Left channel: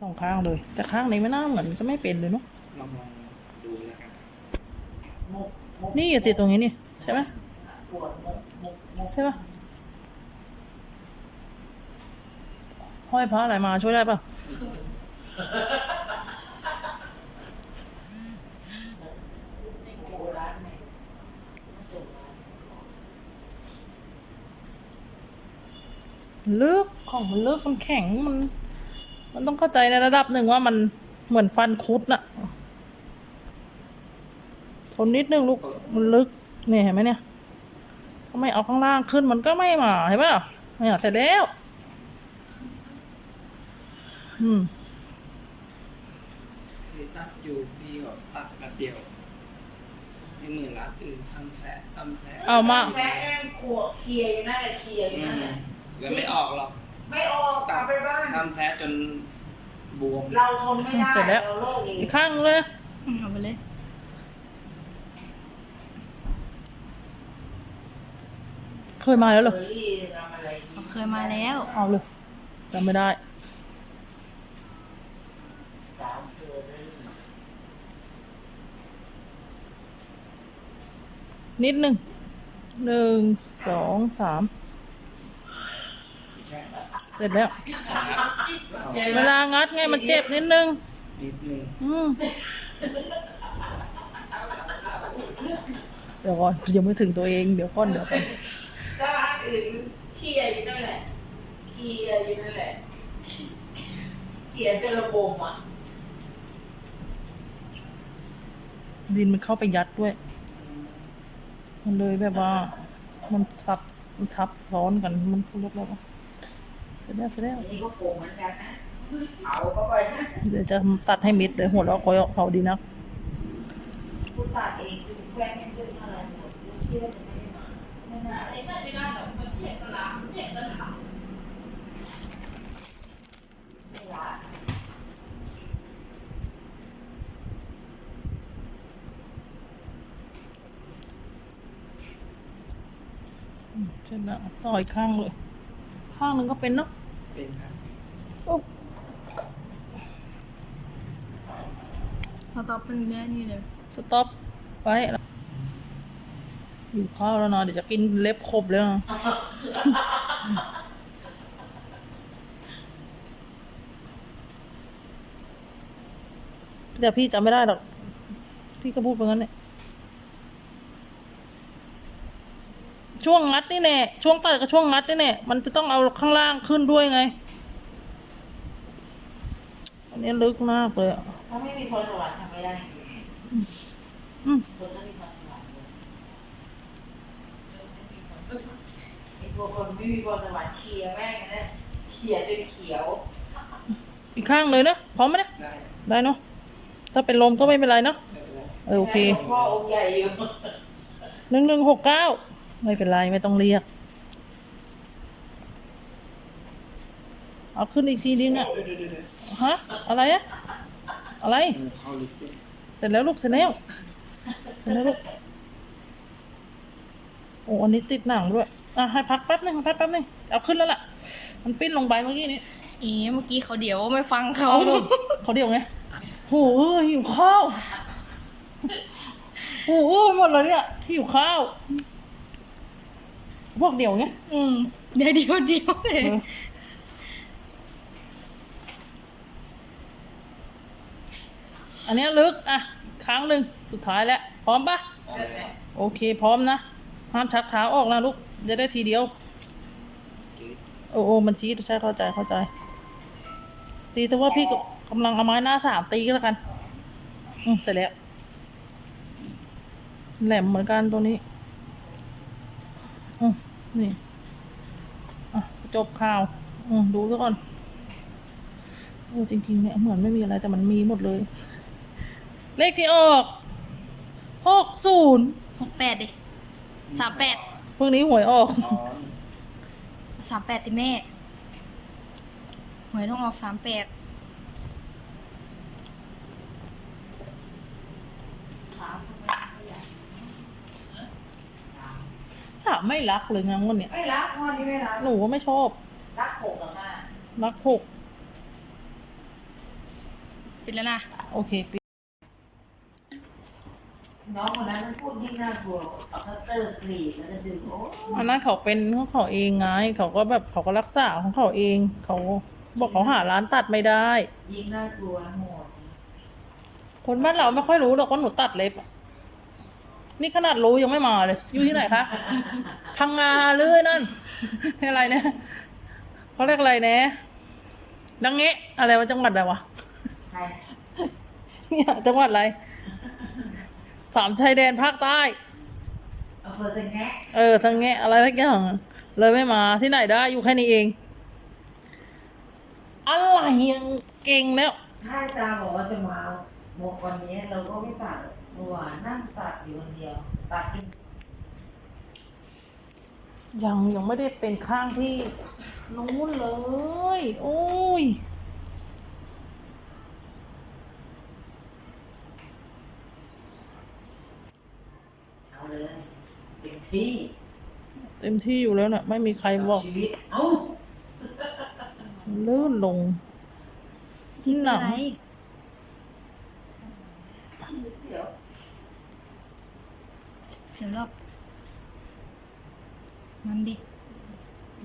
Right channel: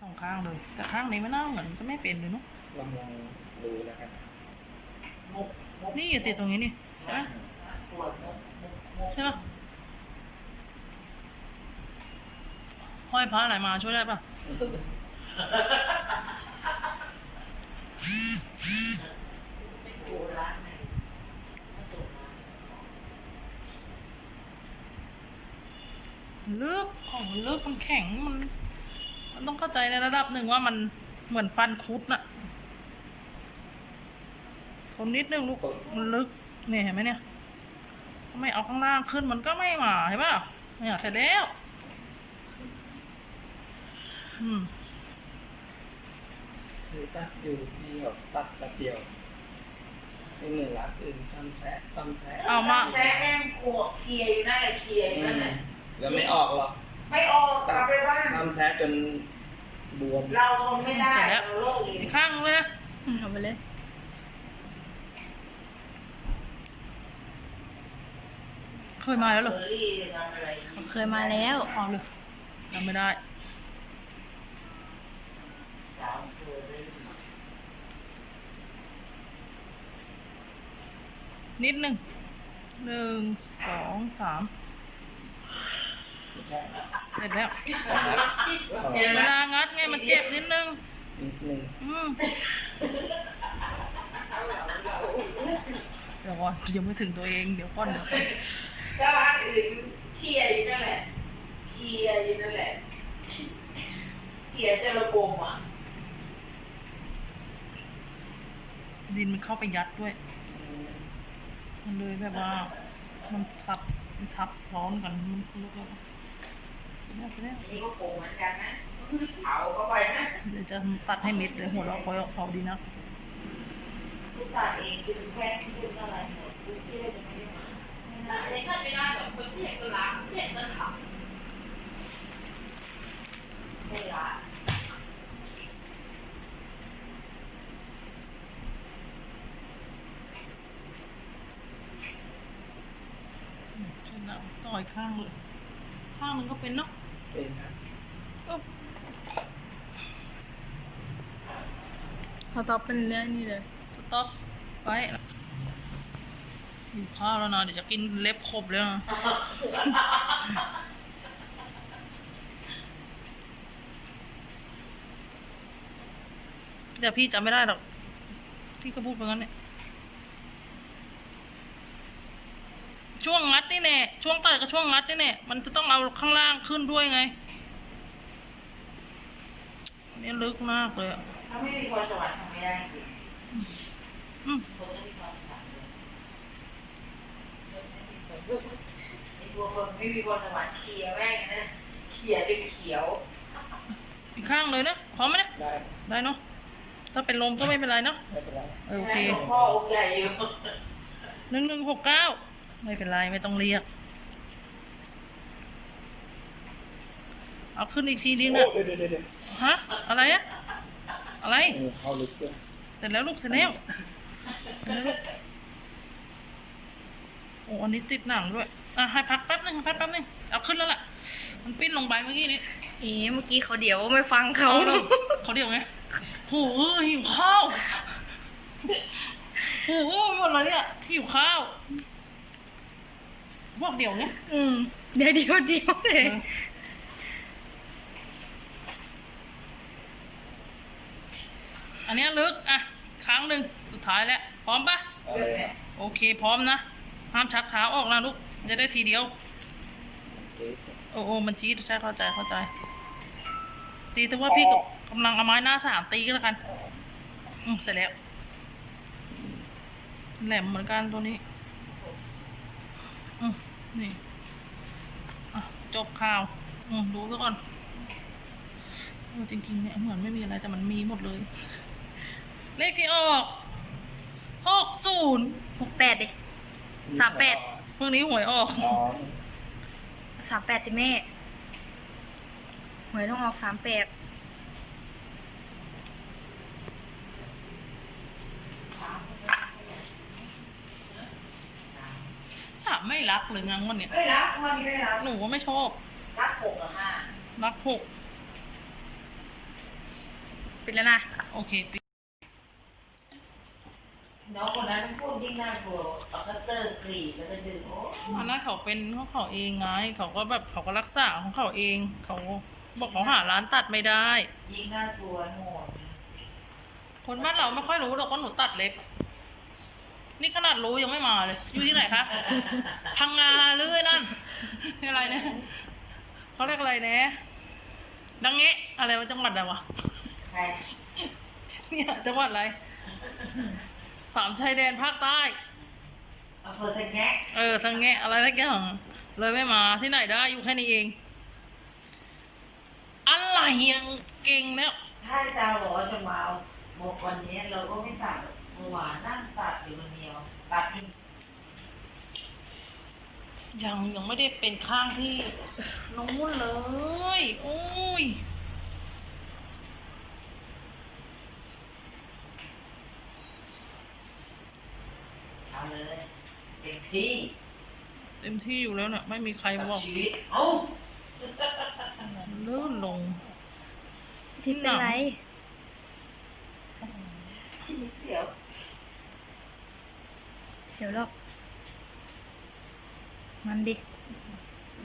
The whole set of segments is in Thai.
สองข้างเลย แต่ข้างนี้ไม่น่าเหมือนจะไม่เป็นเลยเนาะลองลองดูนะครับมุกมุกนี่อย่าติดตรงนี้นี่ใช่ไหมปวดมุกมุกมุกใช่ปะห้อยพระอะไรมาช่วยได้ปะโบราณไหนลึกของมันลึกมันแข็งมัน มันต้องเข้าใจในระดับหนึ่งว่ามันเหมือนฟันคุดน่ะ ทนนิดนึงลูก มันลึก เนี่ยเห็นไหมเนี่ยถ้าไม่เอาข้างล่างขึ้นมันก็ไม่มาเห็นไหมล่ะเนี่ยเสร็จแล้ว อืมคือตัดอยู่พี่แบบตัดแบบเดียวอีกหนึ่งรัดอื่นซ้ำแซะซ้ำแซะเอามา แซะแองขวบเคลียร์อยู่นั่นแหละเคลียร์อยู่นั่นแหละ แล้วไม่ออกหรอก ไม่ออกกลับไปบ้านซ้ำแซะจนบวมเราทนไม่ได้เสร็จแล้ว เราโรคเองอีกข้างนึงเลยอืมเอาไปเลย เคยมาแล้วเหรอเบอร์รี่ทำอะไรเขาเคยมาแล้ว เอาเลยจำไม่ได้ สาวเบอร์รี่นิดนึงหนึ่งสองสามไม่ใช่ เสร็จแล้วเอานัดเอาเวลางัดไงมันเจ็บนิดนึงนิดนึงอืมเดี๋ยวก่อนยังไม่ถึงตัวเองเดี๋ยวก่อนเดี๋ยวก่อนก็ร้านอื่นเคลียร์อยู่นั่นแหละเคลียร์อยู่นั่นแหละเคลียร์จะระบมอะดินมันเข้าไปยัดด้วย มันเลยแบบว่า มันซับมันทับซ้อนกันมันลุกแล้วอะเสร็จแล้วเสร็จแล้วนี่ก็โกงเหมือนกันนะเผาเข้าไปนะเดี๋ยวจะตัดให้มิดเลยหัวเราะคอยเขาดีนะลูกตาเองคือแฟนที่เป็นอะไรหมดลูกที่ว่าจะไม่ได้มาไม่น่าไม่ละเสร็จแล้วต่ออีกข้างเลย ข้างหนึ่งก็เป็นเนาะ เป็นครับอุ๊บเขาตอบเป็นเรื่องนี้เลยสต็อปไว้อยู่ข้าวแล้วนะเดี๋ยวจะกินเล็บครบเลยนะแต่พี่จำไม่ได้หรอก พี่ก็พูดไปงั้นเนี่ย ช่วงงัดนี่แน่ช่วงต่อยกับช่วงงัดนี่แน่มันจะต้องเอาข้างล่างขึ้นด้วยไง อันนี้ลึกมากเลยอะถ้าไม่มีพรสวรรค์ทำไม่ได้จริงอืมคนต้องมีพรสวรรค์เลยไอ้พวกคนไม่มีพรสวรรค์เคลียร์แม่งนะเขียจนเขียว อีกข้างเลยนะพร้อมไหมนะได้ได้เนาะถ้าเป็นลมก็ไม่เป็นไรเนาะไม่เป็นไร เออโอเคหลวงพ่อองค์ใหญ่อยู่ หนึ่งหนึ่งหกเก้า ไม่เป็นไรไม่ต้องเรียก เอาขึ้นอีกทีนึงนะโอ้เดี๋ยวเดี๋ยวเดี๋ยวฮะ อะไรอะอะไรเออเข้าลึกด้วยเสร็จแล้วลูกเสร็จแล้วเสร็จแล้วลูกโอ้อันนี้ติดหนังด้วยอะให้พักแป๊บนึงให้พักแป๊บนึงเอาขึ้นแล้วล่ะ มันปิ้นลงไปเมื่อกี้นี้เอ๊ะเมื่อกี้เขาเดี๋ยวไม่ฟังเขาเอาเลยเขาเดียวไงโหหิวข้าวโหหมดเลยเนี่ยหิวข้าว พวกเดียวไงอืม เดี๋ยวเดี๋ยวเดี๋ยวเลยเอออันเนี้ยลึก อะ ครั้งหนึ่งสุดท้ายแล้ว พร้อมปะเอาเลยครับโอเค พร้อมนะ ห้ามชักเท้าออกนะลูก จะได้ทีเดียว โอ้โอ้มันชี้ใช่เข้าใจ เข้าใจ ตีแต่ว่าพี่ก็กำลังเอาไม้หน้าสามตีก็แล้วกัน อืมเสร็จแล้ว แหลมเหมือนกันตัวนี้อืม นี่อะจบข่าวอืมดูซะก่อนเออจริงๆเนี่ยเหมือนไม่มีอะไรแต่มันมีหมดเลย เลขที่ออกหกศูนย์หกแปดดิสามแปดเพิ่งนี้หวยออกอ๋อสามแปดสิแม่ หวยต้องออกสามแปด สามไม่รักเลยงั้นวันเนี้ยไม่รักวันนี้ไม่รักหนูว่าไม่ชอบ รักหกกับห้ารักหกปิดแล้วนะโอเคปิดน้องคนนั้นพูดยิ่งน่ากลัวเอาคัตเตอร์กรีดแล้วก็ดึงโอ้อันนั้นเขาเป็นของเขาเองไง เขาก็แบบเขาก็รักษาของเขาเอง เขาบอกเขาหาร้านตัดไม่ได้ ยิ่งน่ากลัวโหดคนบ้านเราไม่ค่อยรู้หรอกว่าหนูตัดเล็บ นี่ขนาดรู้ยังไม่มาเลย อยู่ที่ไหนคะพังงาหรือนั่นอะไรนะเขาเรียกอะไรนะดังเงะอะไรวะจังหวัดอะไรวะใครเนี่ยจังหวัดอะไร สามชายแดนภาคใต้อำเภอสังแงะเออทังเงะอะไรสักอย่างเลยไม่มาที่ไหนได้อยู่แค่นี้เอง อะไรยังเก่งแล้ว ถ้าอาจารย์บอกว่าจะมาหมกวันนี้เราก็ไม่ตัด เมื่อวานนั่งตัดอยู่คนเดียวตัดจนยังยังไม่ได้เป็นข้างที่นู้นเลย โอ้ยเอาเลยเต็มที่เต็มที่อยู่แล้วเนี่ยไม่มีใครบอกชีวิต เอ้าลื่นลง ที่เป็นไร เดี๋ยว เสียวหรอกมันดิ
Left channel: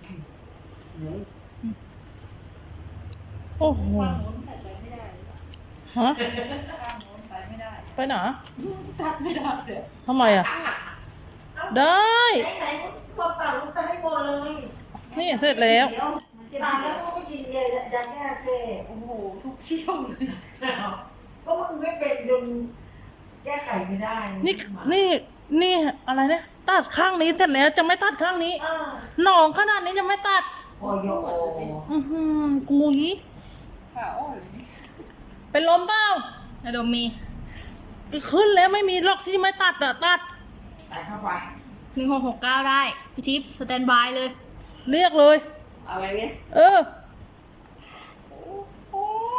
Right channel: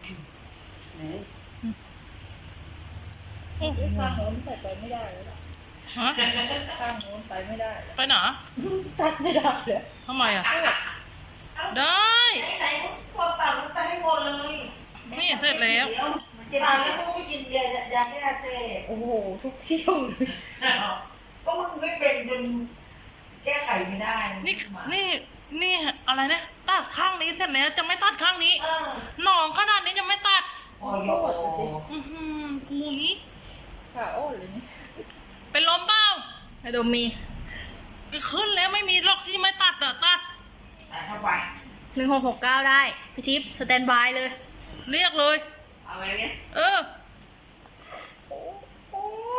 เดี๋ยวโอ้โหฮะไปไหนตัดไม่ได้เลยทำไมอะ ได้ ไหนๆก็พอตัดลงไปให้หมดเลยนี่เสร็จแล้วเดี๋ยวตัดแล้วก็ไปกินยายาแก้อักเสบโอ้โห ทุกเที่ยวเลยก็มึงไม่เป็นจนแก้ไขไม่ได้ นี่ นี่ นี่อะไรนะตัดข้างนี้เสร็จแล้วจะไม่ตัดข้างนี้เออหนองขนาดนี้จะไม่ตัดโอยโยอือหือกุยเป็นลมเปล่าไอโดมมีก็ขึ้นแล้วไม่มีหรอกที่จะไม่ตัดอะตัดตัดเข้าไปหนึ่งหกหกเก้าได้พี่ทิพย์สแตนบายเลย เรียกเลยอะไรเนี่ยเออโ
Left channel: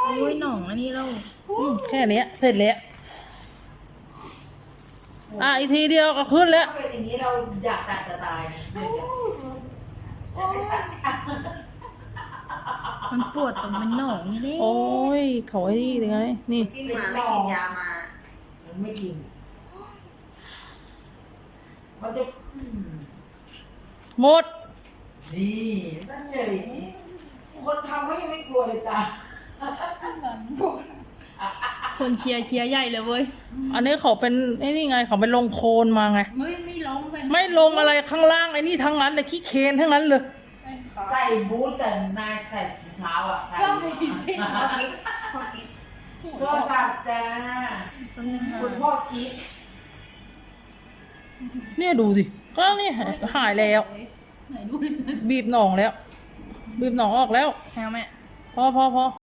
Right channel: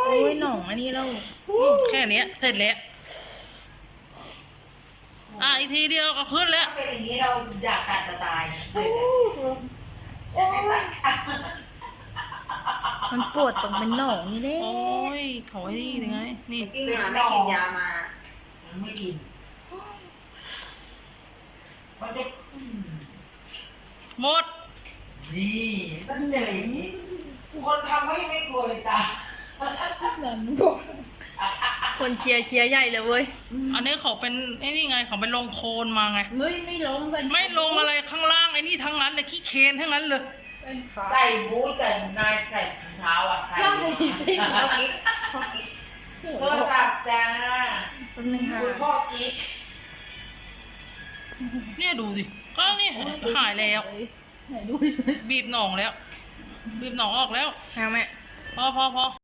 อ้ยหน่องอันนี้เราอืมแค่เนี้ยเสร็จแล้ว อะอีกทีเดียวก็ขึ้นแล้ว ถ้าเป็นอย่างนี้เราอยากตัดจะตายเลยอยากให้ตัดมันปวดตรงเป็นหน่องนี่เลยโอ้ยเขาไอ้นี่ยังไงนี่ กินมาไม่กินยามาไม่กิน มันจะอืมหมด นี่นั่นเลยคนทำก็ยังไม่กลัวเลยตา คนเชียร์เชียร์ใหญ่เลยเว้ย อันนี้เขาเป็นไอ้นี่ไงเขาเป็นลงโคลนมาไง ไม่ไม่ล้มกันไม่ลงอะไรข้างล่างไอ้นี่ทั้งนั้นเลยขี้เคนทั้งนั้นเลย ใส่บูทแต่นายใส่ถุงเท้าอะใส่เอากิ๊กโทรศัพท์จ้าแป๊บนึงค่ะคุณพ่อกิ๊กเนี่ยดูสิ ก็นี่หายแล้วบีบหนองแล้ว บีบหนองออกแล้วแม่แม่พอพอพออะ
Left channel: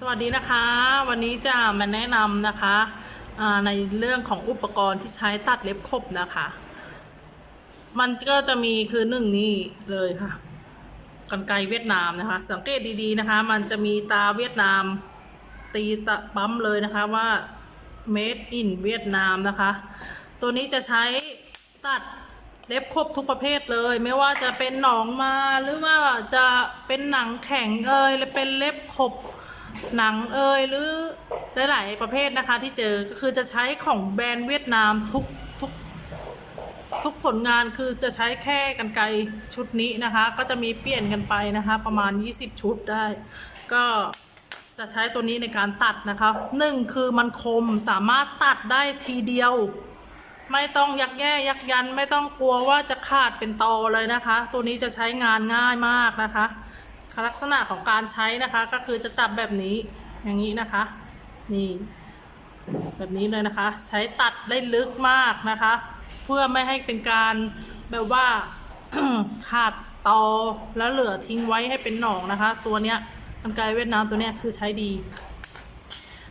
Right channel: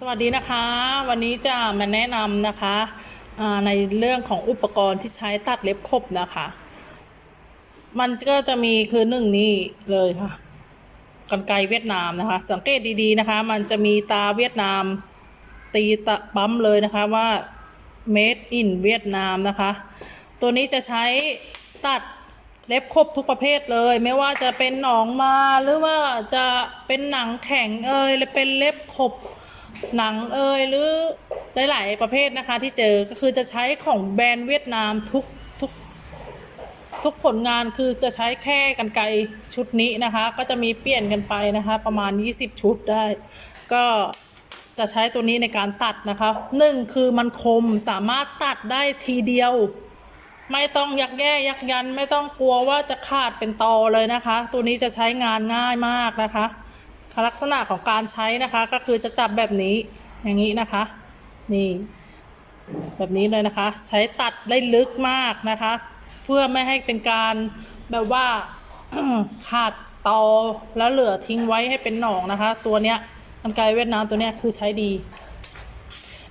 สวัสดีนะคะ วันนี้จะมาแนะนำนะคะในเรื่องของอุปกรณ์ที่ใช้ตัดเล็บขบนะคะ มันก็จะมีคือหนึ่งนี่เลยค่ะกันไกเวียดนามนะคะ สังเกตดีๆนะคะ มันจะมีตาเวียดนามตีตะปั๊มเลยนะคะว่า made in เวียดนามนะคะ ตัวนี้จะใช้ตัดเล็บครบทุกประเภทเลย ไม่ว่าจะเป็นหนองมาหรือว่าจะเป็นหนังแข็งเอยหรือเป็นเล็บขบ หนังเอยหรือหลาย ๆ ประเภทนะคะที่เจอก็คือจะใช้ของแบรนด์เวียดนามทุกทุกทุกผลงานคือจะใช้แค่กันไกรชุดนี้นะคะ ก็จะมีเปลี่ยนกันไปนะคะ ประมาณ 20 ชุดได้ ก็จะใช้ตัวนี้ในการตัดนะคะหนึ่งคือมันคมสามารถตัดได้ทีเดียว ไม่ต้องยักแย่ยักยัน ไม่ต้องกลัวว่าจะขาดเป็นตอเลยนะคะ ตัวนี้จะใช้งานง่ายมากนะคะ ลักษณะของการใช้นะคะก็คือจะจับแบบนี้อย่างนี้นะคะ นี่แบบนี้เลยนะคะ ใช้ตัดได้ลึกมากนะคะ เพื่อไม่ให้เป็นการแบบว่าขาดตอแล้วเหลือทิ้งไว้ให้เป็นหนองนะคะ ตัวเนี้ยกันไกรเวียดนามตัวเนี้ยคือใช้ดี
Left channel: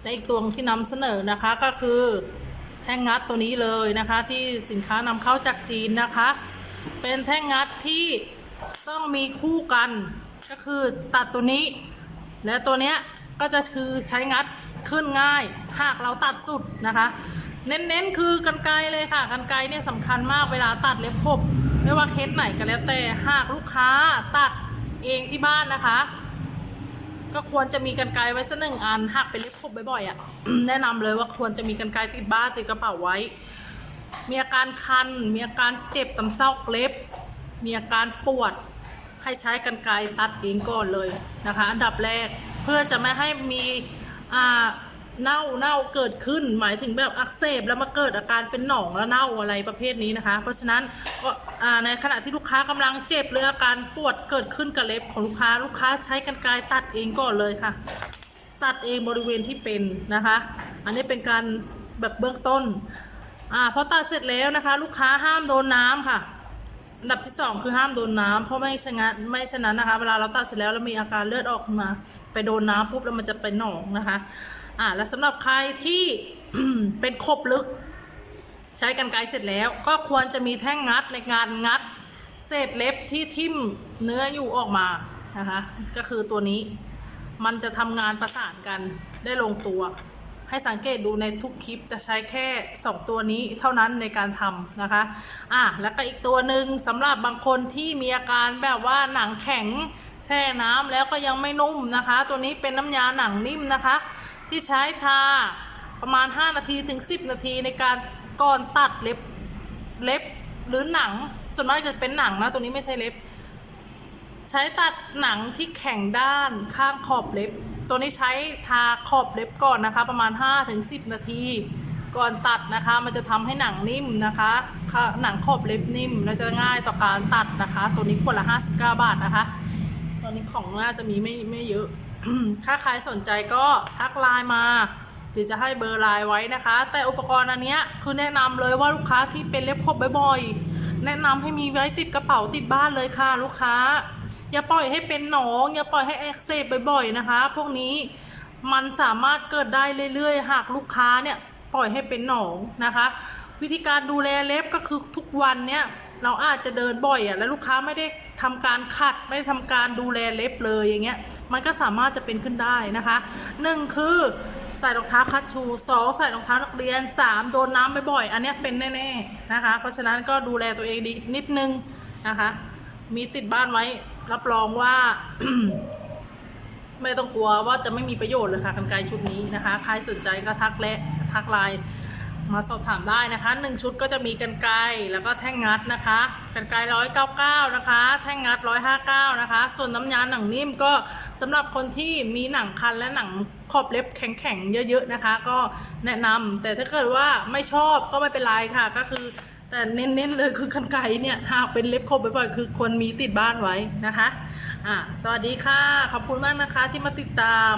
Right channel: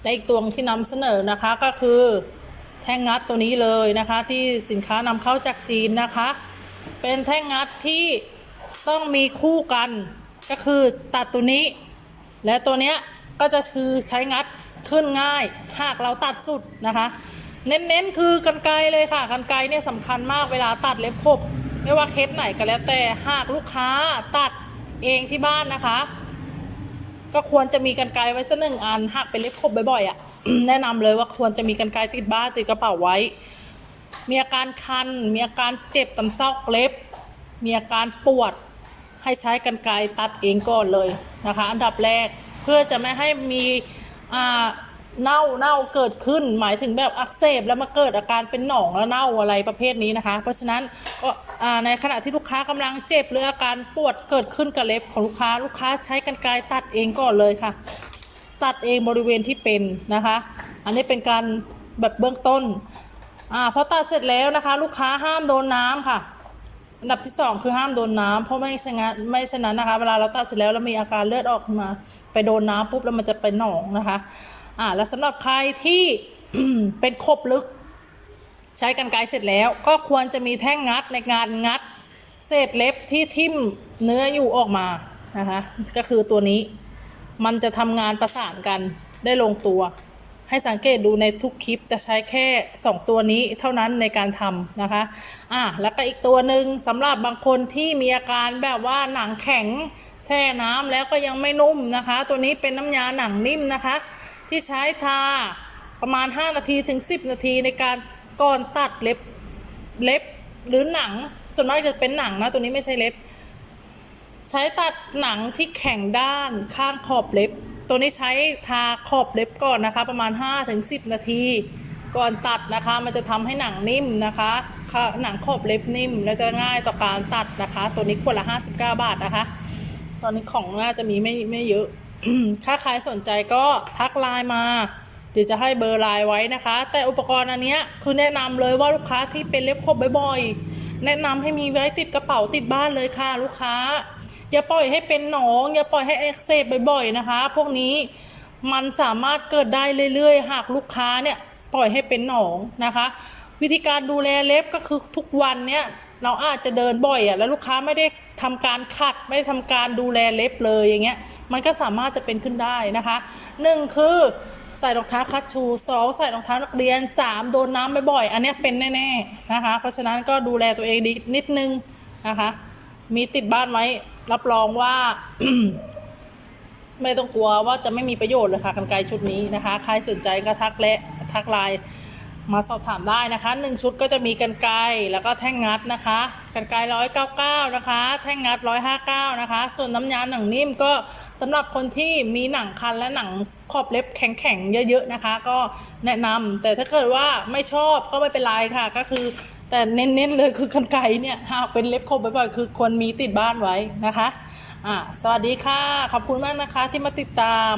และอีกตัวที่นำเสนอนะคะก็คือแท่งงัดตัวนี้เลยนะคะ ที่สินค้านำเข้าจากจีนนะคะ เป็นแท่งงัดที่ต้องมีคู่กัน ก็คือตัดตัวนี้ และตัวเนี้ยก็จะคือใช้งัดขึ้นง่าย หากเราตัดสุดนะคะ เน้นๆคือกันไกรเลยค่ะกันไกรเนี่ยสำคัญมากเวลาตัดเล็บขบไม่ว่าเคสไหนก็แล้วแต่หากลูกค้าตัดเองที่บ้านนะคะ ก็ควรจะมีกันไกรไว้สักหนึ่งอันหากเป็นเล็บขบบ่อยๆอะ่ะแนะนำเลยว่าควรจะมีกันไกรติดบ้านติดกระเป๋าไว้ มีอาการคัน มีอาการเจ็บตำเศร้าเล็บ มีอาการปวด ให้ใช้กันไกรตัดเองก่อนเลยนะคะ อันดับแรกเพื่อจะไม่ให้มีเน่าเน่าเกิดขึ้น หมายถึงแบบอักเสบแล้วมาเกิดอาการเป็นหนองแล้วเน่าอะไรประเภทนี้นะคะ เพราะฉะนั้นก็ในขณะที่ลูกค้ากำลังเจ็บหรืออาการปวดเกิดขึ้นกับเล็บของลูกค้าลูกค้าใช้กันไกรตัดเองก่อนเลยค่ะ ตัดเองบริเวณที่เป็นนะคะ อันนี้เป็นการแบบเบื้องต้นอ่าพอตัดเสร็จแล้วนะคะ ลูกค้าห้ามโดนน้ำค่ะ อันดับที่สองคือห้ามโดนน้ำเพราะไม่ฉะนั้นไม่ฉะนั้นนะคะ เวลาเราตัดเสร็จแล้วแล้วมีอาการเลือดออกมา ไปโดนน้ำปุ๊บแล้วมันจะเป็นหนองนะคะ อ่าแล้วสำหรับใครที่ เป็นครบลึก ใช้กันไกรเสร็จแล้ว ก็ควรจะมีแท่งงัดในการงัด เศษเล็บที่ทิ่มเนื้ออยู่ออกมานะคะ ก็คือตัวนี้ มันจะทำงานประสานกันได้ลงตัว ให้สังเกตดูในทุกคลิปจะใช้แค่ 2 ตัวนี้เท่านั้นในการทำนะคะอะแล้วก็อีกตัวหนึ่งสำหรับบางคนที่มีอาการแบบว่าหนังแข็งแช่น้ำแล้วก็ยังไม่นุ่มนะคะ ตัวนี้เป็นน้ำยาหนังนิ่มนะคะ ที่ใช้ทาประมาณ 5 นาทีถึง 10 นาทีในการก่อนตัดเล็บเล็บหรือหนัง ส่วนมากจะเป็นหนังนะตัวนี้ไม่ใช่เล็บ ใช้ตัดหนังที่แข็งด้านข้างขอบเล็บ ตัวนี้ใช้ทาขอบเล็บก่อนนะคะ ประมาณ 5-10 นาที ก่อนตัดนะคะ มันจะทำให้หนังนิ่มนะคะหนังขอบเล็บนิ่ม และจะง่ายต่อการตัดนะคะ ตัวนี้ขวดละ 59 บาทนะคะ ตอนนี้ของน่าจะมีไม่ไม่เยอะถ้าใครสนใจก็ทักไลน์มาเดี๋ยวจะให้เบอร์ไลน์ไว้นะคะ แต่อุปกรณ์อันนี้คือแนะนำเลยว่าลูกค้าที่เป็นเล็บขบบ่อยๆแนะนำให้มีไว้ติดกระเป๋าติดบ้านเลยค่ะ ลูกค้า อย่าปล่อยให้เป็นหนอง อย่าปล่อยให้อักเสบบ่อยๆนะคะ พวกนี้มันสามารถเกิดได้เรื่อยๆ หากลูกค้าเนี่ยปล่อยให้เป็นหนองนะคะ วิธีการดูแลเล็บก็คือทุกวันเนี่ยเราอาจจะเดินบ่อยอะ่ะแล้วลูกค้าไม่ได้ทำการขัดไม่ได้ทำการดูแลเล็บเลยอย่างเงี้ยมันก็สามารถจะเป็นขึ้นได้นะคะหนึ่งคือใส่รองเท้าคัชชูสองใส่รองเท้านักเรียนสามโดนน้ำบ่อยๆอันนี้เป็นแน่ๆนะคะ เพราะฉะนั้นก็ดูแลตัวเองดีนิดนึงนะคะ มีติดบ้านไว้ รับรองว่า ไม่ต้องกลัวว่าจะไม่มีประโยชน์เลยค่ะกันไกรชุดนี้นะคะ ใครสนใจก็ทักและทักไลน์มาสอบถามได้นะคะหนึ่งชุดก็จะมีกันไกรแล้วก็แท่งงัดนะคะกันไกรร้อยเก้าเก้านะคะ แท่งงัดร้อยห้าเก้านะคะ ส่วนน้ำยาหนังนิ่มก็สำหรับคนที่มีหนังคันและหนังขอบเล็บแข็งๆเยอะๆนะคะ ก็แนะนำแต่ถ้าเกิดว่าไม่ชอบก็ไม่เป็นไรค่ะ ก็คือ แต่เน้นๆเลยคือกันไกรเนี่ยหากเป็นเล็บคมบ่อยๆคือควรมีติดบ้านไว้นะคะอ่าสวัสดีค่ะ ขอบคุณมากนะคะที่มาติดตาม